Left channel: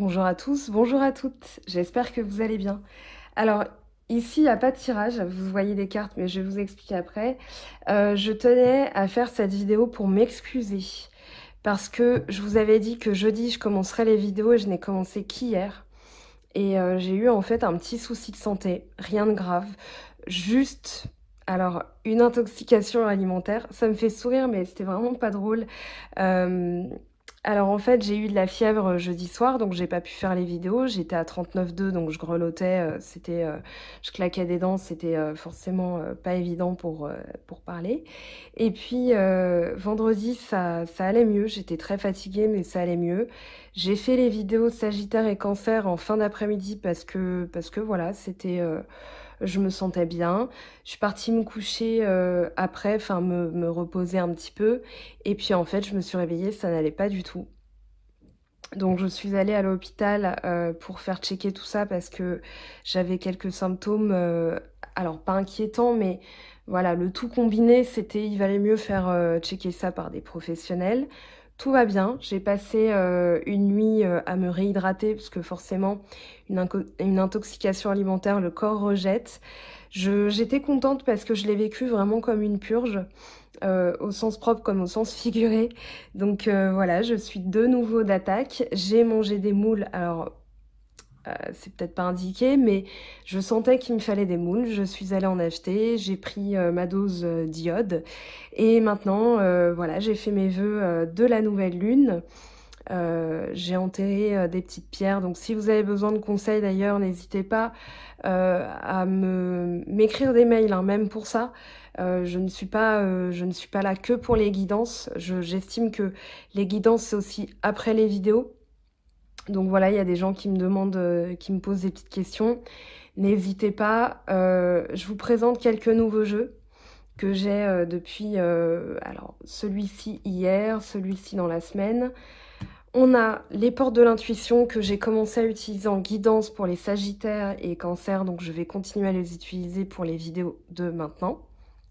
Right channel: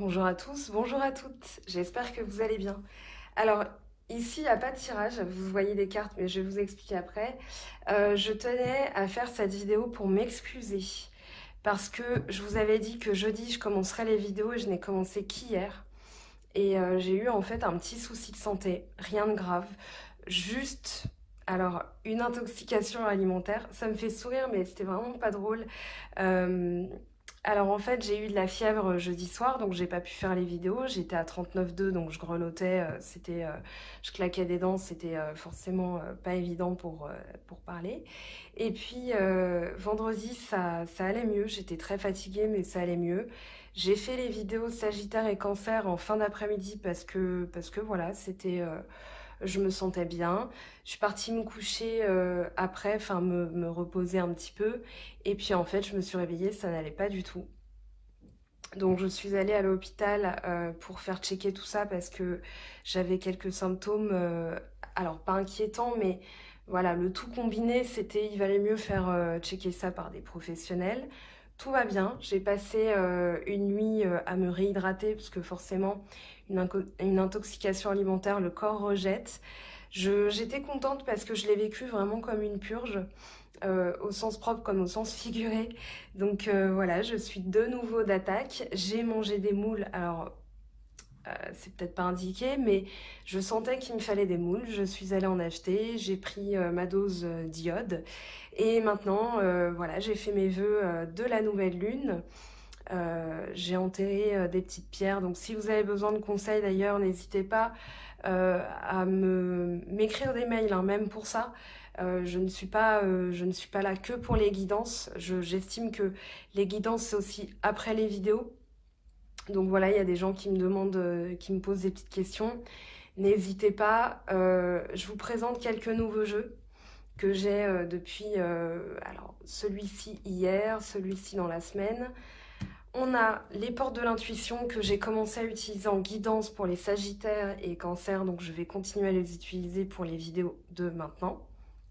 Bonjour à tous, bonjour à toutes, j'espère que vous allez bien. Alors ici il n'y a pas de tirage, vous voyez des cartes mais je vais vous expliquer après. Je tenais à faire cette vidéo pour m'excuser parce que je vous avais dit que jeudi je commencerai les vidéos et je n'ai commencé qu'hier. Et j'ai eu en fait un petit souci de santé, rien de grave, juste... Alors, une intoxication alimentaire, ça me fait sourire mais c'était vraiment pas drôle. Alors en fait j'ai eu de la fièvre jeudi soir donc j'ai pas pu faire les vidéos, j'étais à 39,2 donc je grelottais, je claquais des dents, c'était forcément pas évident pour parler. Et puis vendredi ça allait mieux, j'étais très fatiguée mais ça allait mieux. J'ai fait les vidéos Sagittaire et Cancer en fin d'après-midi parce que voilà, je me sentais bien. Je suis partie me coucher après, enfin me reposer un petit peu. Et puis en fait, je me suis réveillée, ça n'allait pas du tout. Donc je suis allée à l'hôpital pour faire checker tout ça parce que j'avais quelques symptômes, alors pas inquiétants, mais voilà, le tout combiné, il valait mieux faire checker ça par des professionnels. Tout va bien, j'ai passé une nuit à me réhydrater parce que forcément, une intoxication alimentaire, le corps rejette. J'étais contente parce que je l'ai vécu vraiment comme une purge. Au sens propre comme au sens figuré. Donc voilà, je suis de nouveau d'attaque. J'ai mangé des moules, alors c'est peut-être pas indiqué, mais je sentais qu'il me fallait des moules. Je suis allée en acheter, j'ai pris ma dose d'iode. Et maintenant, voilà, j'ai fait mes vœux de la nouvelle lune. J'ai enterré des petites pierres, donc si vous avez besoin de conseils d'ailleurs, n'hésitez pas à m'écrire des mails, hein, même pour ça. Je ne suis pas là que pour les guidances. J'estime que les guidances, c'est aussi après les vidéos. Donc voilà, il y a des gens qui me demandent, qui me posent des petites questions. N'hésitez pas. Je vous présente quelques nouveaux jeux que j'ai depuis, alors celui-ci hier, celui-ci dans la semaine. On a les portes de l'intuition que j'ai commencé à utiliser en guidance pour les Sagittaires et Cancers, donc je vais continuer à les utiliser pour les vidéos de maintenant,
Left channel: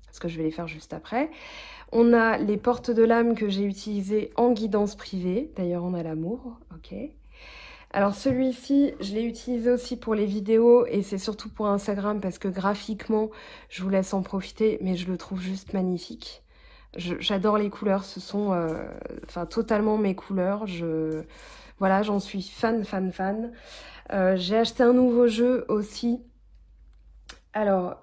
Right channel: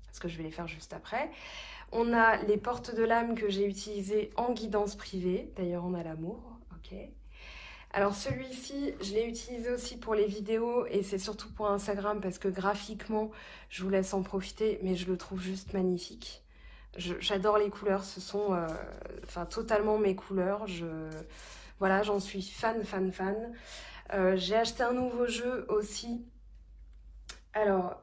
parce que je vais les faire juste après. On a les portes de l'âme que j'ai utilisées en guidance privée, d'ailleurs on a l'amour, ok. Alors celui-ci, je l'ai utilisé aussi pour les vidéos et c'est surtout pour Instagram parce que graphiquement, je vous laisse en profiter, mais je le trouve juste magnifique. J'adore les couleurs, ce sont enfin, totalement mes couleurs. Voilà, j'en suis fan. J'ai acheté un nouveau jeu aussi. Alors,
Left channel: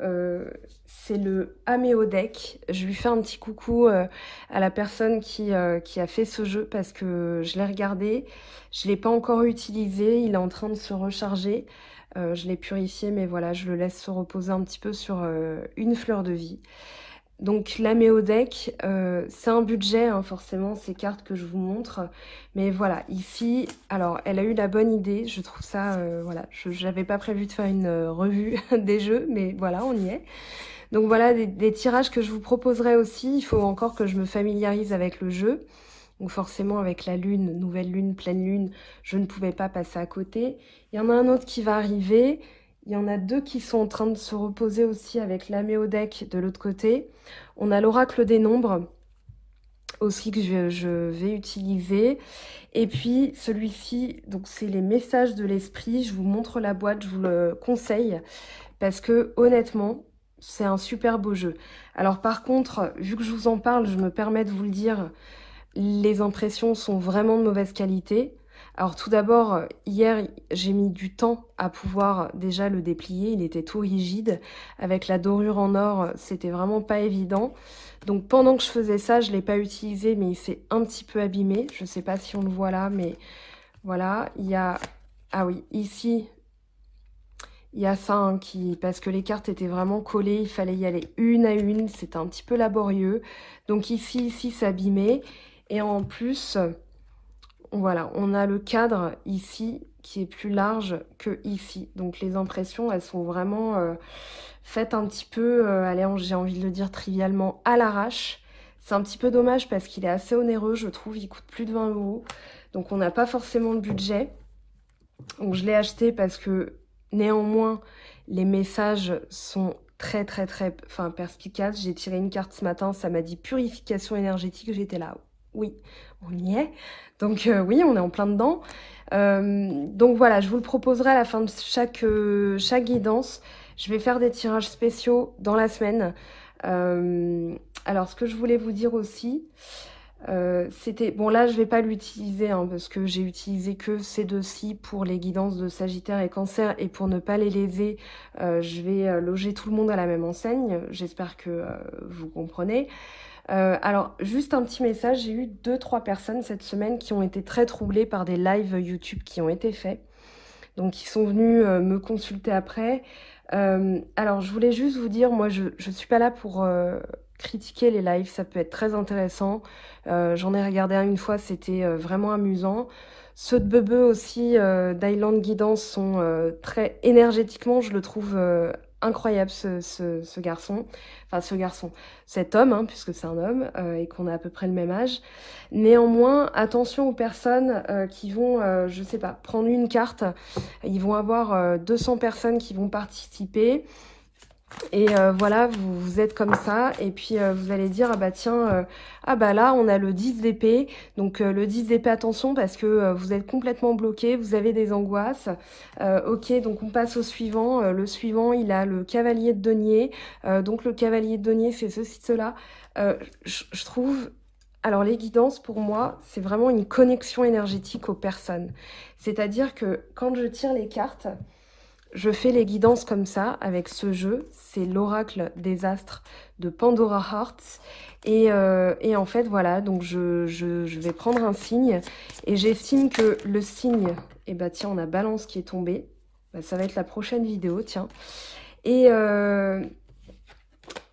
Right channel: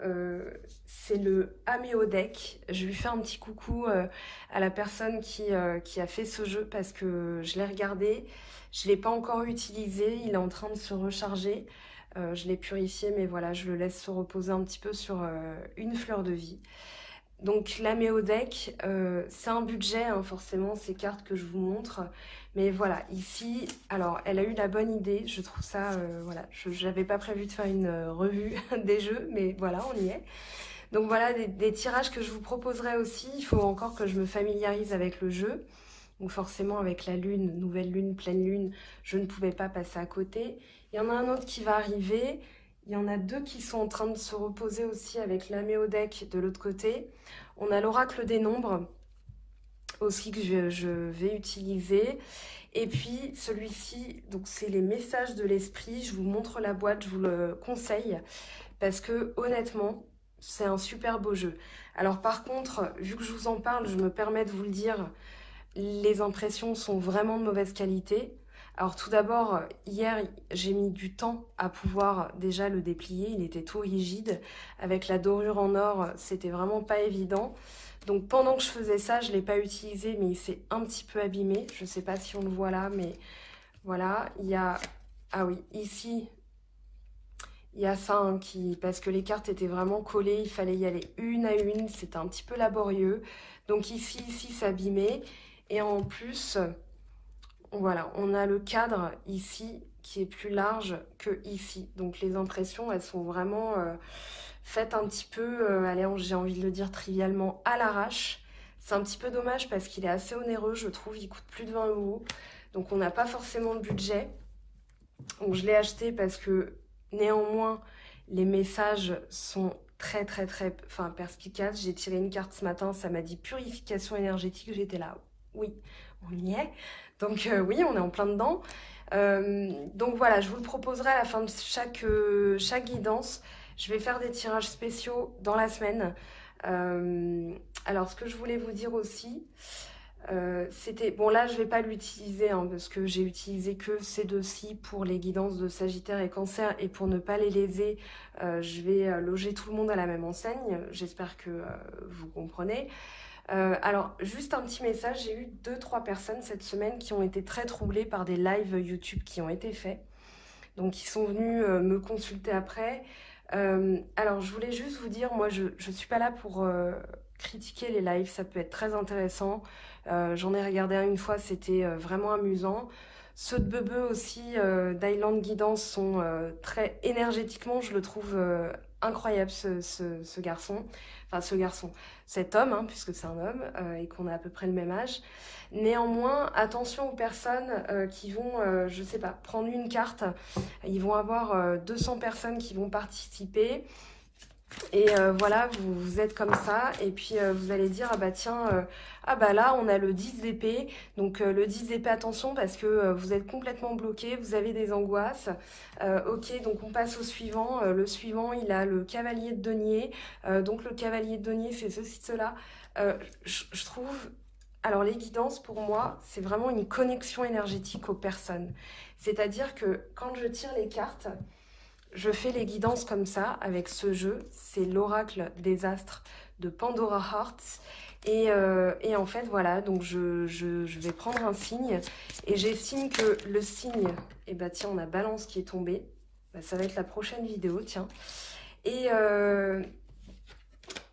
c'est le Améo Deck. Je lui fais un petit coucou à la personne qui a fait ce jeu parce que je l'ai regardé. Je ne l'ai pas encore utilisé, il est en train de se recharger. Je l'ai purifié, mais voilà, je le laisse se reposer un petit peu sur une fleur de vie. Donc l'Améo Deck, c'est un budget, hein, forcément, ces cartes que je vous montre. Mais voilà, ici, alors elle a eu la bonne idée, je trouve ça, voilà, j'avais pas prévu de faire une revue des jeux, mais voilà, on y est. Donc voilà, des tirages que je vous proposerai aussi, il faut encore que je me familiarise avec le jeu. Donc forcément avec la lune, nouvelle lune, pleine lune, je ne pouvais pas passer à côté. Il y en a un autre qui va arriver. Il y en a deux qui sont en train de se reposer aussi avec l'Améo Deck de l'autre côté. On a l'oracle des nombres aussi que je vais utiliser. Et puis celui-ci, donc c'est les messages de l'esprit. Je vous montre la boîte, je vous le conseille parce que honnêtement, c'est un super beau jeu. Alors par contre, vu que je vous en parle, je me permets de vous le dire, les impressions sont vraiment de mauvaise qualité. Alors tout d'abord, hier, j'ai mis du temps à pouvoir déjà le déplier. Il était tout rigide. Avec la dorure en or, c'était vraiment pas évident. Donc pendant que je faisais ça, je ne l'ai pas utilisé, mais il s'est un petit peu abîmé. Je ne sais pas si on le voit là, mais voilà. Il y a... Ah oui, ici, il y a ça hein, parce que les cartes étaient vraiment collées. Il fallait y aller une à une. C'était un petit peu laborieux. Donc ici, c'est abîmé. Et en plus... Voilà, on a le cadre ici qui est plus large que ici. Donc les impressions, elles sont vraiment faites un petit peu, allez, j'ai envie de le dire trivialement, à l'arrache. C'est un petit peu dommage parce qu'il est assez onéreux, je trouve. Il coûte plus de 20 €. Donc on n'a pas forcément le budget. Donc je l'ai acheté parce que néanmoins, les messages sont très perspicaces. J'ai tiré une carte ce matin, ça m'a dit purification énergétique. J'étais là, oui, on y est. Donc oui, on est en plein dedans. Donc voilà, je vous le proposerai à la fin de chaque guidance. Je vais faire des tirages spéciaux dans la semaine. Alors, ce que je voulais vous dire aussi, c'était... Bon, là, je ne vais pas l'utiliser, hein, parce que j'ai utilisé que ces deux-ci pour les guidances de Sagittaire et Cancer. Et pour ne pas les léser, je vais loger tout le monde à la même enseigne. J'espère que vous comprenez. Alors, juste un petit message, j'ai eu 2-3 personnes cette semaine qui ont été très troublées par des lives YouTube qui ont été faits. Donc, ils sont venus me consulter après. Alors, je voulais juste vous dire, moi, je ne suis pas là pour critiquer les lives, ça peut être très intéressant. J'en ai regardé un une fois, c'était vraiment amusant. Ceux de Bebe aussi, d'Island Guidance, sont très énergétiquement, je le trouve incroyable ce garçon. Enfin, cet homme, hein, puisque c'est un homme et qu'on a à peu près le même âge. Néanmoins, attention aux personnes qui vont, je sais pas, prendre une carte. Ils vont avoir 200 personnes qui vont participer. Et voilà, vous êtes comme ça, et puis vous allez dire, ah bah tiens, ah bah là on a le 10 d'épée, donc le 10 d'épée, attention parce que vous êtes complètement bloqué, vous avez des angoisses. Ok, donc on passe au suivant, le suivant il a le cavalier de denier, donc le cavalier de denier c'est ceci, cela. Je trouve, alors les guidances pour moi, c'est vraiment une connexion énergétique aux personnes. C'est-à-dire que quand je tire les cartes, je fais les guidances comme ça, avec ce jeu. C'est l'oracle des astres de Pandora Hearts. Et en fait, voilà, donc je vais prendre un signe. Et j'estime que le signe, et bah tiens, on a Balance qui est tombé. Bah, ça va être la prochaine vidéo, tiens. Et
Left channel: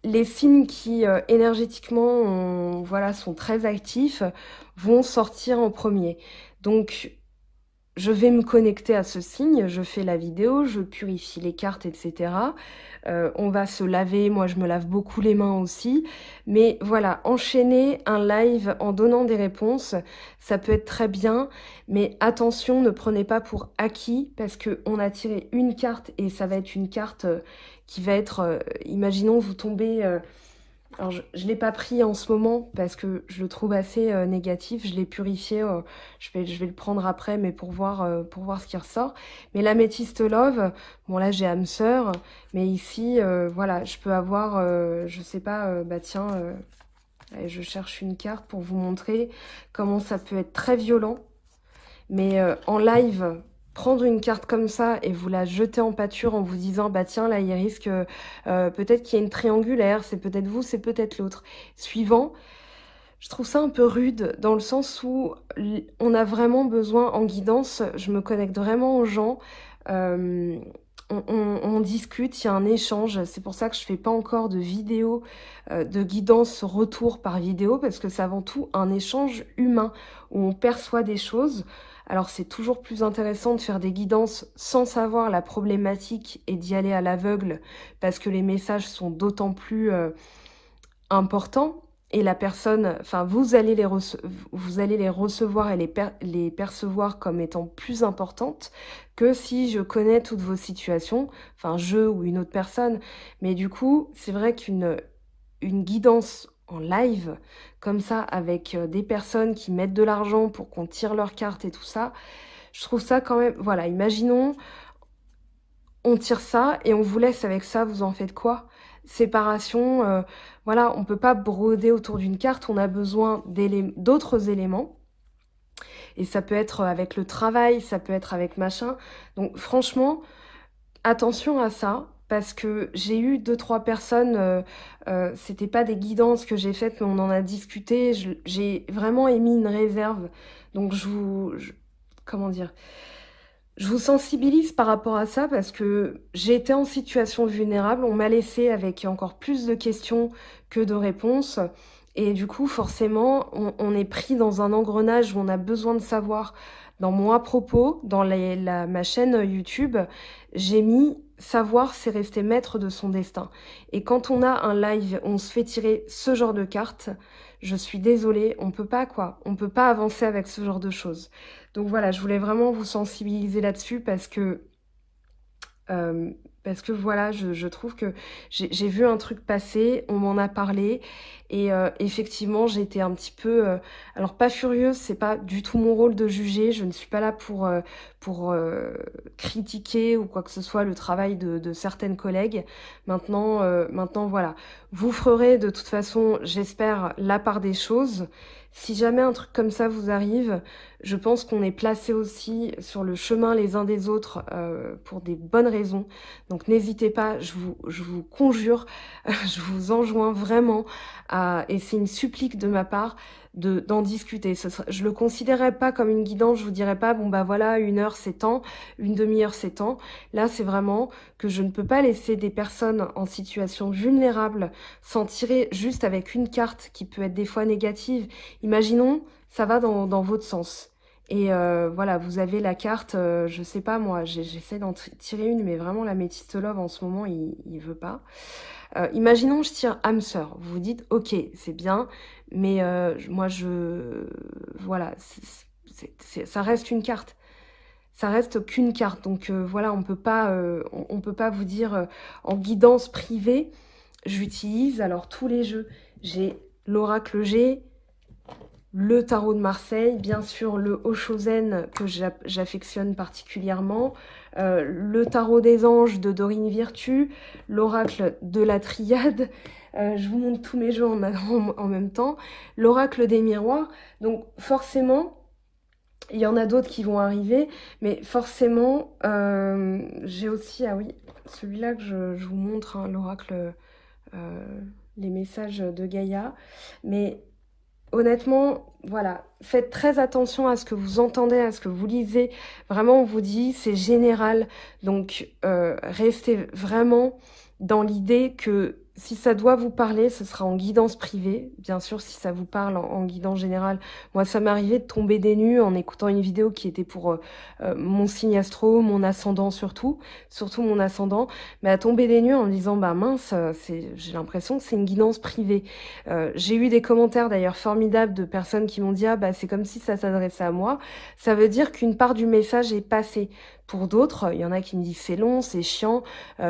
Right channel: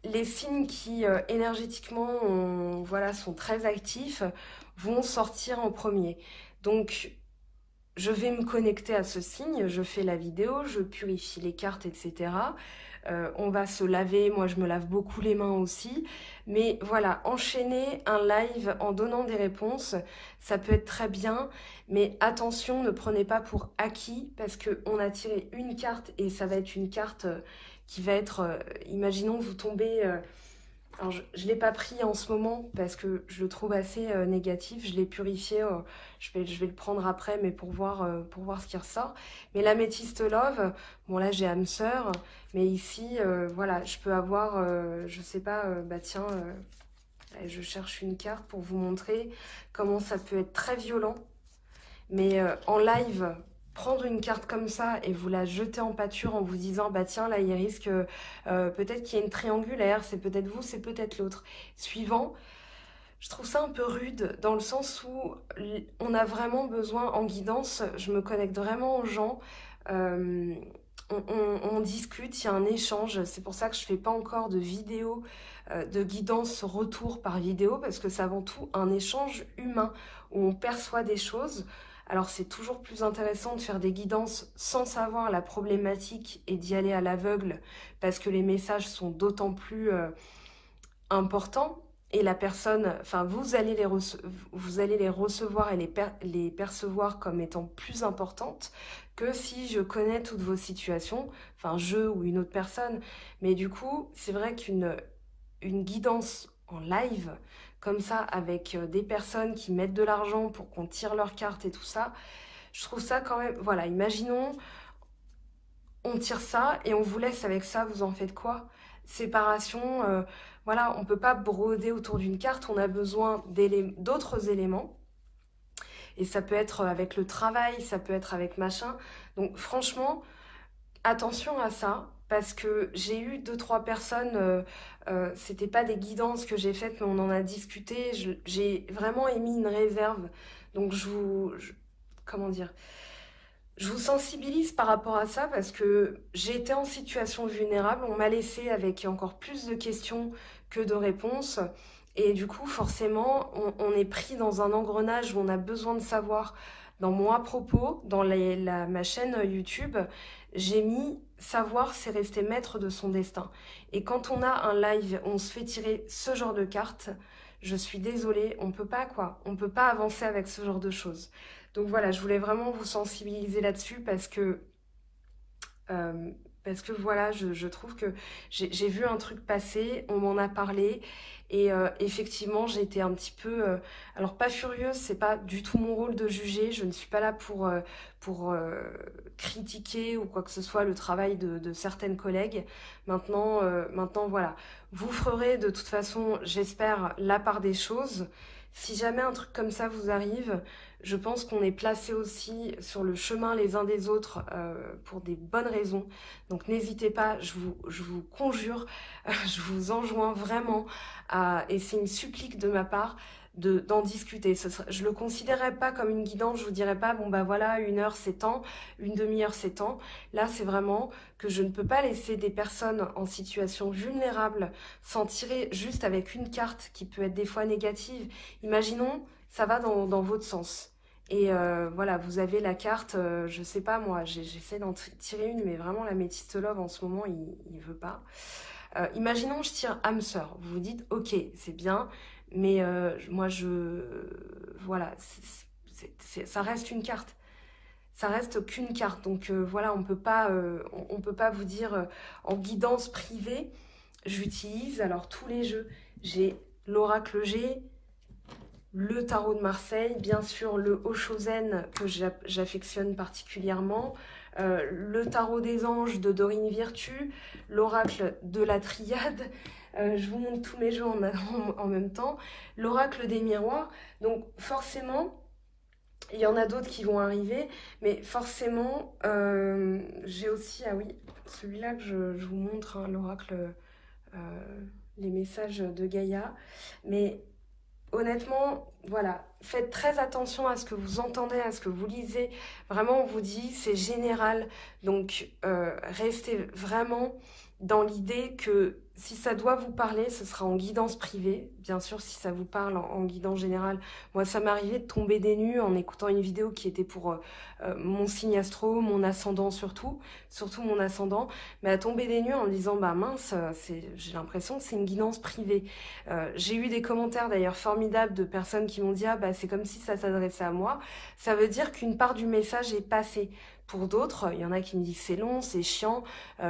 les signes qui, énergétiquement, voilà, sont très actifs, vont sortir en premier. Donc, je vais me connecter à ce signe, je fais la vidéo, je purifie les cartes, etc. On va se laver, moi je me lave beaucoup les mains aussi. Mais voilà, enchaîner un live en donnant des réponses, ça peut être très bien. Mais attention, ne prenez pas pour acquis parce qu'on a tiré une carte et ça va être une carte qui va être... imaginons vous tombez... alors, je ne l'ai pas pris en ce moment parce que je le trouve assez négatif. Je l'ai purifié. Je vais le prendre après, mais pour voir ce qui ressort. Mais l'améthyste love, bon là j'ai âme sœur. Mais ici, voilà, je peux avoir, je sais pas, bah tiens, je cherche une carte pour vous montrer comment ça peut être très violent. Mais en live... Prendre une carte comme ça et vous la jeter en pâture en vous disant bah tiens là il risque peut-être qu'il y a une triangulaire, c'est peut-être vous, c'est peut-être l'autre. Suivant, je trouve ça un peu rude dans le sens où on a vraiment besoin en guidance, je me connecte vraiment aux gens, on discute, il y a un échange, c'est pour ça que je fais pas encore de vidéo de guidance retour par vidéo parce que c'est avant tout un échange humain où on perçoit des choses. Alors c'est toujours plus intéressant de faire des guidances sans savoir la problématique et d'y aller à l'aveugle parce que les messages sont d'autant plus importants et la personne, enfin vous allez les recevoir et les percevoir comme étant plus importantes que si je connais toutes vos situations, enfin je ou une autre personne. Mais du coup, c'est vrai qu'une guidance en live, comme ça, avec des personnes qui mettent de l'argent pour qu'on tire leurs cartes et tout ça, je trouve ça quand même... Voilà, imaginons, on tire ça et on vous laisse avec ça, vous en faites quoi? Séparation, voilà, on ne peut pas broder autour d'une carte, on a besoin d'autres éléments. Et ça peut être avec le travail, ça peut être avec machin. Donc franchement, attention à ça. Parce que j'ai eu 2-3 personnes, c'était pas des guidances que j'ai faites, mais on en a discuté. J'ai vraiment émis une réserve. Donc comment dire, je vous sensibilise par rapport à ça parce que j'ai été en situation vulnérable. On m'a laissé avec encore plus de questions que de réponses. Et du coup, forcément, on est pris dans un engrenage où on a besoin de savoir. Dans mon à propos, dans ma chaîne YouTube, j'ai mis savoir c'est rester maître de son destin. Et quand on a un live, on se fait tirer ce genre de cartes, je suis désolée, on peut pas quoi, on peut pas avancer avec ce genre de choses. Donc voilà, je voulais vraiment vous sensibiliser là-dessus parce que Parce que voilà, je trouve que j'ai vu un truc passer, on m'en a parlé, et effectivement j'ai été un petit peu, alors pas furieuse, c'est pas du tout mon rôle de juger, je ne suis pas là pour critiquer ou quoi que ce soit le travail de certaines collègues. Maintenant voilà, vous ferez de toute façon, j'espère, la part des choses. Si jamais un truc comme ça vous arrive, je pense qu'on est placé aussi sur le chemin les uns des autres pour des bonnes raisons. Donc n'hésitez pas, je vous conjure, je vous enjoins vraiment et c'est une supplique de ma part, d'en discuter. Je le considérerais pas comme une guidance, je vous dirais pas, bon bah voilà, 1 heure c'est temps, une demi-heure c'est temps. Là c'est vraiment que je ne peux pas laisser des personnes en situation vulnérable s'en tirer juste avec une carte qui peut être des fois négative. Imaginons, ça va dans votre sens. Et voilà, vous avez la carte, je sais pas moi, j'essaie d'en tirer une, mais vraiment la Métiste Love en ce moment, il veut pas. Imaginons je tire âme sœur, vous vous dites, ok, c'est bien, mais moi voilà, ça reste une carte. Ça reste qu'une carte, donc voilà, on peut pas vous dire en guidance privée, j'utilise alors tous les jeux. J'ai l'oracle G, le tarot de Marseille, bien sûr le Oshozen que j'affectionne particulièrement, le tarot des anges de Dorine Virtue, l'oracle de la triade, je vous montre tous les jeux en même temps, l'oracle des miroirs, donc forcément, il y en a d'autres qui vont arriver, mais forcément, j'ai aussi, ah oui, celui-là que je vous montre, hein, l'oracle, les messages de Gaïa, mais honnêtement, voilà, faites très attention à ce que vous entendez, à ce que vous lisez. Vraiment, on vous dit, c'est général. Donc, restez vraiment dans l'idée que si ça doit vous parler, ce sera en guidance privée. Bien sûr, si ça vous parle en guidance générale. Moi, ça m'est arrivé de tomber des nues en écoutant une vidéo qui était pour mon signe astro, mon ascendant surtout mon ascendant. Mais à tomber des nues en me disant, bah mince, j'ai l'impression que c'est une guidance privée. J'ai eu des commentaires d'ailleurs formidables de personnes qui m'ont dit, ah bah c'est comme si ça s'adressait à moi. Ça veut dire qu'une part du message est passée. Pour d'autres, il y en a qui me disent c'est long, c'est chiant.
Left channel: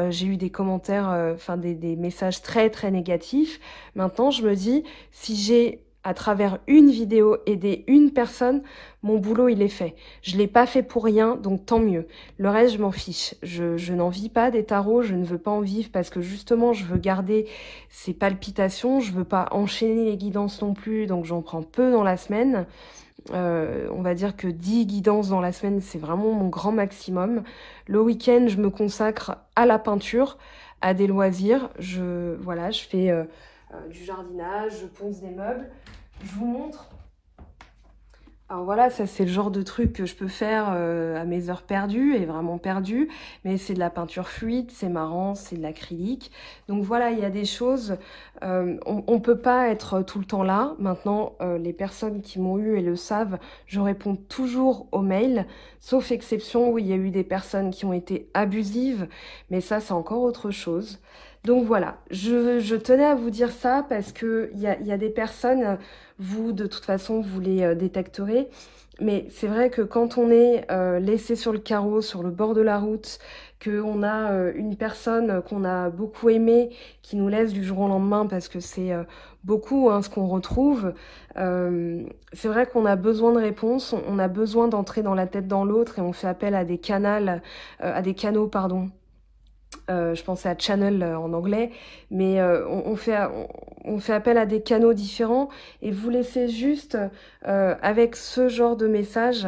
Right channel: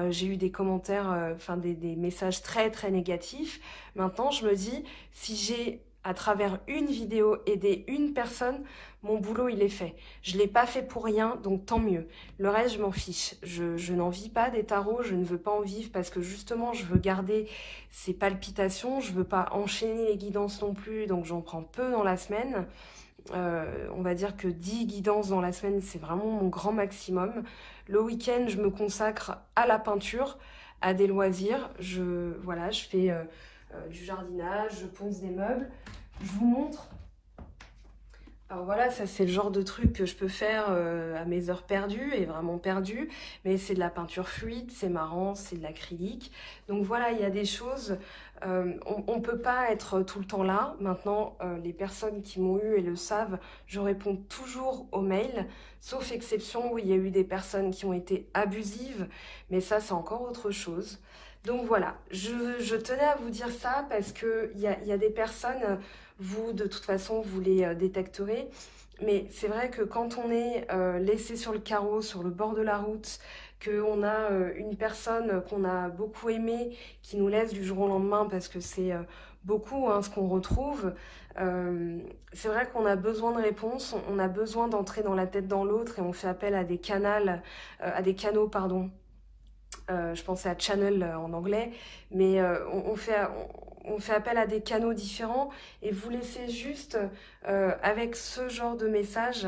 J'ai eu des commentaires, des messages très très négatifs. Maintenant, je me dis, si j'ai à travers une vidéo aidé une personne, mon boulot il est fait. Je l'ai pas fait pour rien, donc tant mieux. Le reste, je m'en fiche. Je n'en vis pas des tarots, je ne veux pas en vivre parce que justement, je veux garder ces palpitations. Je veux pas enchaîner les guidances non plus, donc j'en prends peu dans la semaine. On va dire que 10 guidances dans la semaine, c'est vraiment mon grand maximum. Le week-end, je me consacre à la peinture, à des loisirs. Voilà, je fais du jardinage, je ponce des meubles. Je vous montre. Alors voilà, ça c'est le genre de truc que je peux faire à mes heures perdues et vraiment perdues. Mais c'est de la peinture fluide, c'est marrant, c'est de l'acrylique. Donc voilà, il y a des choses... on ne peut pas être tout le temps là. Maintenant, les personnes qui m'ont eu et le savent, je réponds toujours aux mails, sauf exception où il y a eu des personnes qui ont été abusives, mais ça, c'est encore autre chose. Donc voilà, je tenais à vous dire ça parce qu'il y a des personnes, vous, de toute façon, vous les détecterez, mais c'est vrai que quand on est laissé sur le carreau, sur le bord de la route, qu'on a une personne qu'on a beaucoup aimée, qui nous laisse du jour au lendemain, parce que c'est beaucoup ce qu'on retrouve, c'est vrai qu'on a besoin de réponses, on a besoin d'entrer dans la tête dans l'autre, et on fait appel à des canaux, pardon. Je pensais à channel en anglais, mais on fait appel à des canaux différents, et vous laissez juste avec ce genre de message.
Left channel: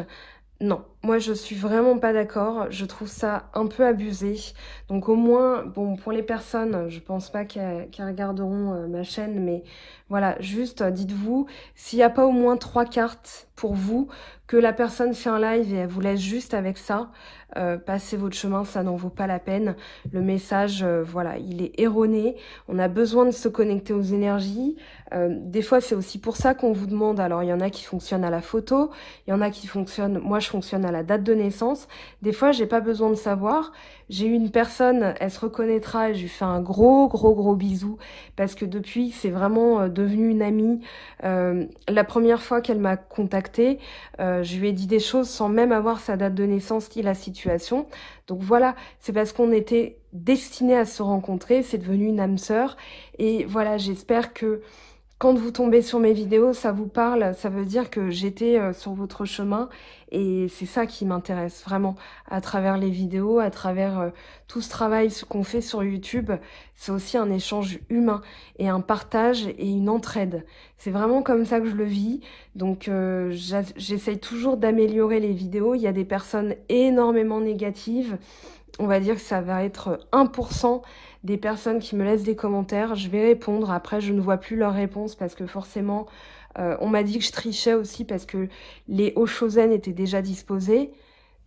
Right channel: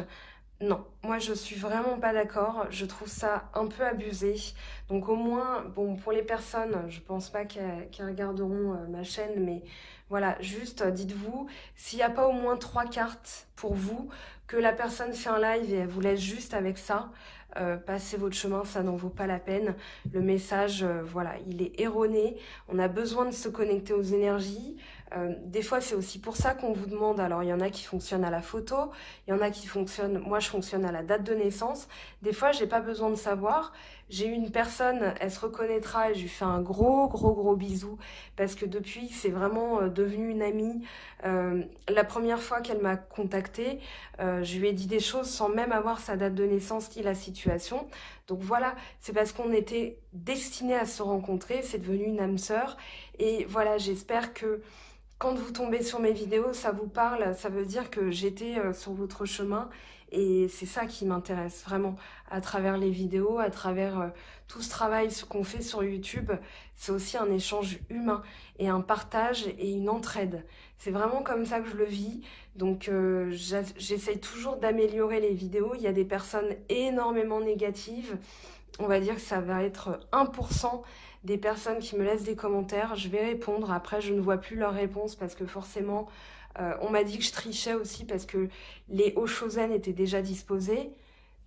Non, moi je suis vraiment pas d'accord, je trouve ça un peu abusé. Donc au moins, bon, pour les personnes, je pense pas qu'elles regarderont ma chaîne, mais voilà, juste dites-vous, s'il n'y a pas au moins 3 cartes pour vous, que la personne fait un live et elle vous laisse juste avec ça, passez votre chemin, ça n'en vaut pas la peine. Le message, voilà, il est erroné, on a besoin de se connecter aux énergies. Des fois, c'est aussi pour ça qu'on vous demande, alors il y en a qui fonctionnent à la photo, il y en a qui fonctionnent, moi je fonctionne à la date de naissance. Des fois, j'ai pas besoin de savoir, J'ai eu une personne, elle se reconnaîtra, et je lui fais un gros bisou parce que depuis, c'est vraiment devenu une amie. La première fois qu'elle m'a contactée, je lui ai dit des choses sans même avoir sa date de naissance ni la situation. Donc voilà, c'est parce qu'on était destinés à se rencontrer, c'est devenu une âme sœur. Et voilà, j'espère que quand vous tombez sur mes vidéos, ça vous parle, ça veut dire que j'étais sur votre chemin et c'est ça qui m'intéresse vraiment à travers les vidéos, à travers tout ce travail qu'on fait sur YouTube. C'est aussi un échange humain et un partage et une entraide. C'est vraiment comme ça que je le vis. Donc j'essaye toujours d'améliorer les vidéos. Il y a des personnes énormément négatives. On va dire que ça va être 1% des personnes qui me laissent des commentaires. Je vais répondre. Après, je ne vois plus leurs réponses parce que forcément, on m'a dit que je trichais aussi parce que les Oshozen étaient déjà disposés.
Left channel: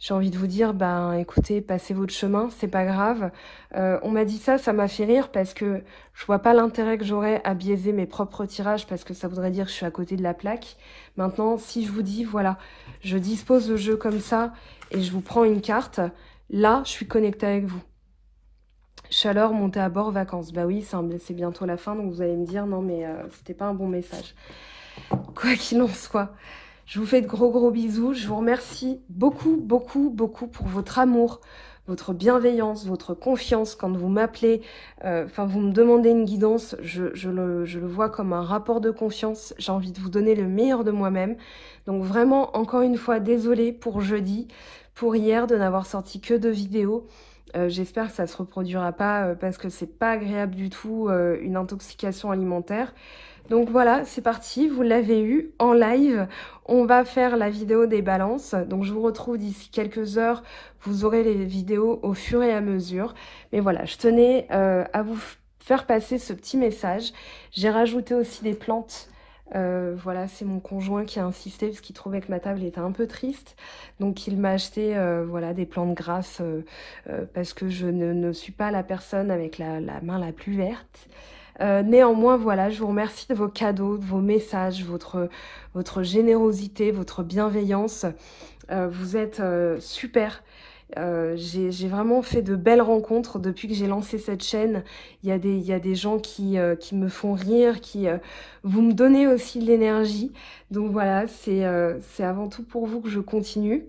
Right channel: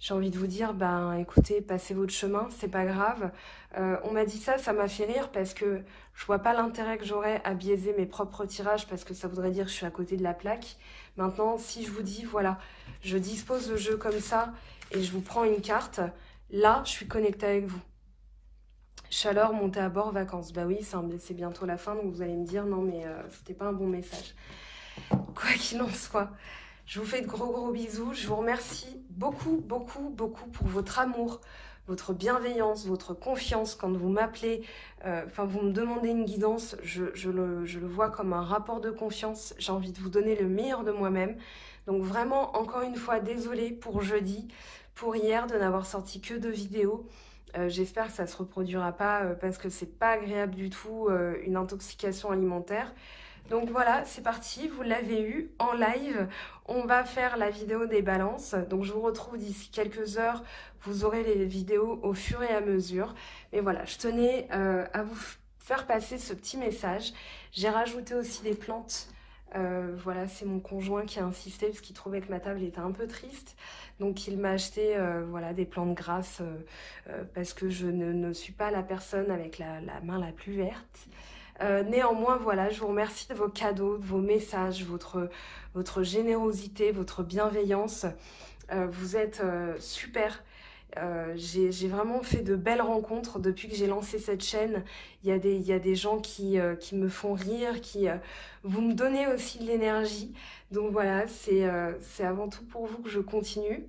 J'ai envie de vous dire, ben écoutez, passez votre chemin, c'est pas grave. On m'a dit ça, ça m'a fait rire parce que je vois pas l'intérêt que j'aurais à biaiser mes propres tirages parce que ça voudrait dire que je suis à côté de la plaque. Maintenant, si je vous dis, voilà, je dispose le jeu comme ça et je vous prends une carte, là, je suis connectée avec vous. Chaleur, montée à bord, vacances. Bah oui, c'est bientôt la fin, donc vous allez me dire, non mais c'était pas un bon message. Quoi qu'il en soit, je vous fais de gros bisous. Je vous remercie beaucoup pour votre amour, votre bienveillance, votre confiance. Quand vous m'appelez, vous me demandez une guidance, je le vois comme un rapport de confiance. J'ai envie de vous donner le meilleur de moi-même. Donc vraiment, encore une fois, désolée pour jeudi, pour hier, de n'avoir sorti que 2 vidéos. J'espère que ça ne se reproduira pas parce que c'est pas agréable du tout, une intoxication alimentaire. Donc voilà, c'est parti, vous l'avez eu en live. On va faire la vidéo des balances. Donc je vous retrouve d'ici quelques heures. Vous aurez les vidéos au fur et à mesure. Mais voilà, je tenais à vous faire passer ce petit message. J'ai rajouté aussi des plantes. Voilà, c'est mon conjoint qui a insisté parce qu'il trouvait que ma table était un peu triste. Donc il m'a acheté voilà, des plantes grasses parce que je ne suis pas la personne avec la main la plus verte. Néanmoins, voilà, je vous remercie de vos cadeaux, de vos messages, votre générosité, votre bienveillance. Vous êtes super. J'ai vraiment fait de belles rencontres depuis que j'ai lancé cette chaîne. Il y a des gens qui me font rire, vous me donnez aussi de l'énergie. Donc voilà, c'est avant tout pour vous que je continue.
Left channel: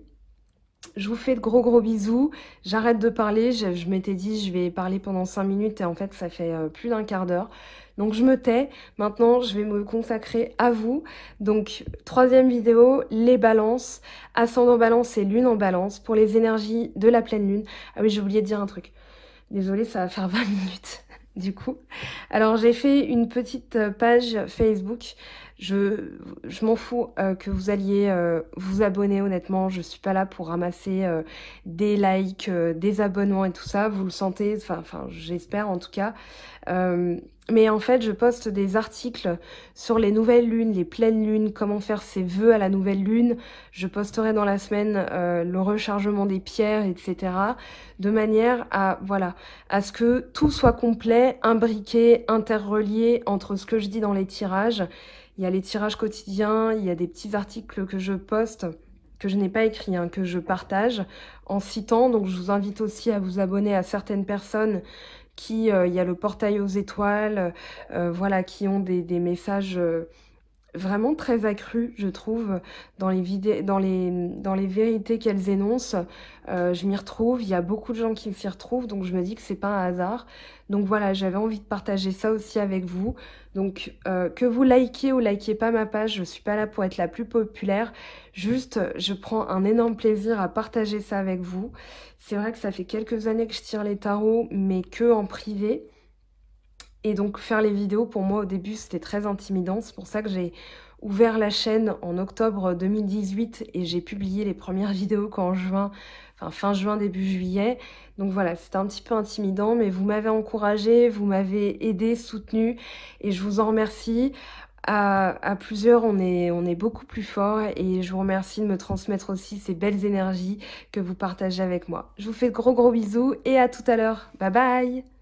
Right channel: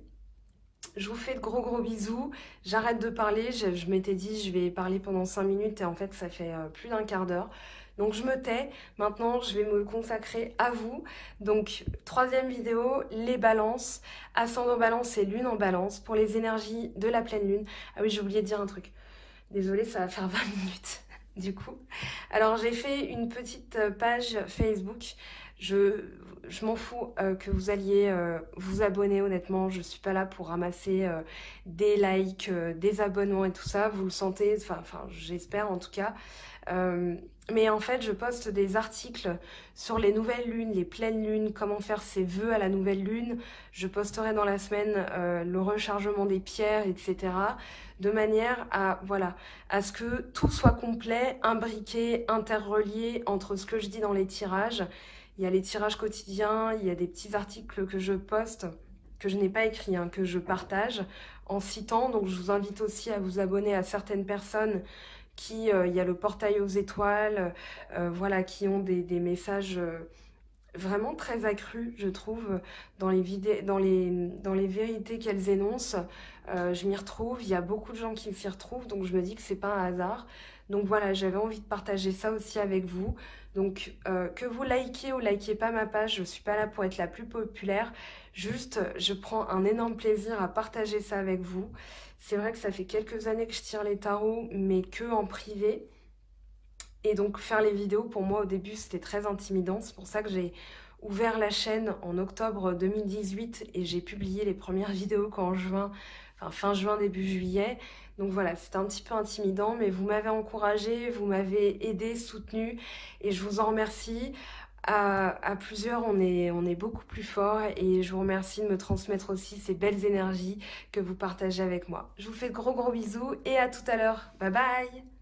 Je vous fais de gros bisous. J'arrête de parler. Je m'étais dit je vais parler pendant 5 minutes et en fait ça fait plus d'un quart d'heure. Donc je me tais. Maintenant je vais me consacrer à vous. Donc 3e vidéo, les balances. Ascendant balance et lune en balance pour les énergies de la pleine lune. Ah oui, j'ai oublié de dire un truc. Désolée, ça va faire 20 minutes du coup. Alors j'ai fait une petite page Facebook. Je m'en fous que vous alliez vous abonner, honnêtement. Je suis pas là pour ramasser des likes, des abonnements et tout ça. Vous le sentez, enfin j'espère en tout cas. Mais en fait, je poste des articles sur les nouvelles lunes, les pleines lunes, comment faire ses vœux à la nouvelle lune. Je posterai dans la semaine le rechargement des pierres, etc. De manière à, voilà, à ce que tout soit complet, imbriqué, interrelié entre ce que je dis dans les tirages. Il y a les tirages quotidiens, il y a des petits articles que je poste, que je n'ai pas écrits, hein, que je partage en citant. Donc je vous invite aussi à vous abonner à certaines personnes qui, il y a le portail aux étoiles, voilà, qui ont des messages vraiment très accrus, je trouve, dans les vidéos, dans les vérités qu'elles énoncent. Je m'y retrouve, il y a beaucoup de gens qui s'y retrouvent, donc je me dis que c'est pas un hasard. Donc voilà, j'avais envie de partager ça aussi avec vous. Donc que vous likez ou likez pas ma page, je suis pas là pour être la plus populaire. Juste, je prends un énorme plaisir à partager ça avec vous. C'est vrai que ça fait quelques années que je tire les tarots, mais que en privé. Et donc faire les vidéos, pour moi au début c'était très intimidant. C'est pour ça que j'ai ouvert la chaîne en octobre 2018 et j'ai publié les premières vidéos qu'en juin, enfin fin juin, début juillet. Donc voilà, c'était un petit peu intimidant, mais vous m'avez encouragé, vous m'avez aidé, soutenu et je vous en remercie. À plusieurs, on est beaucoup plus fort et je vous remercie de me transmettre aussi ces belles énergies que vous partagez avec moi. Je vous fais de gros bisous et à tout à l'heure. Bye bye!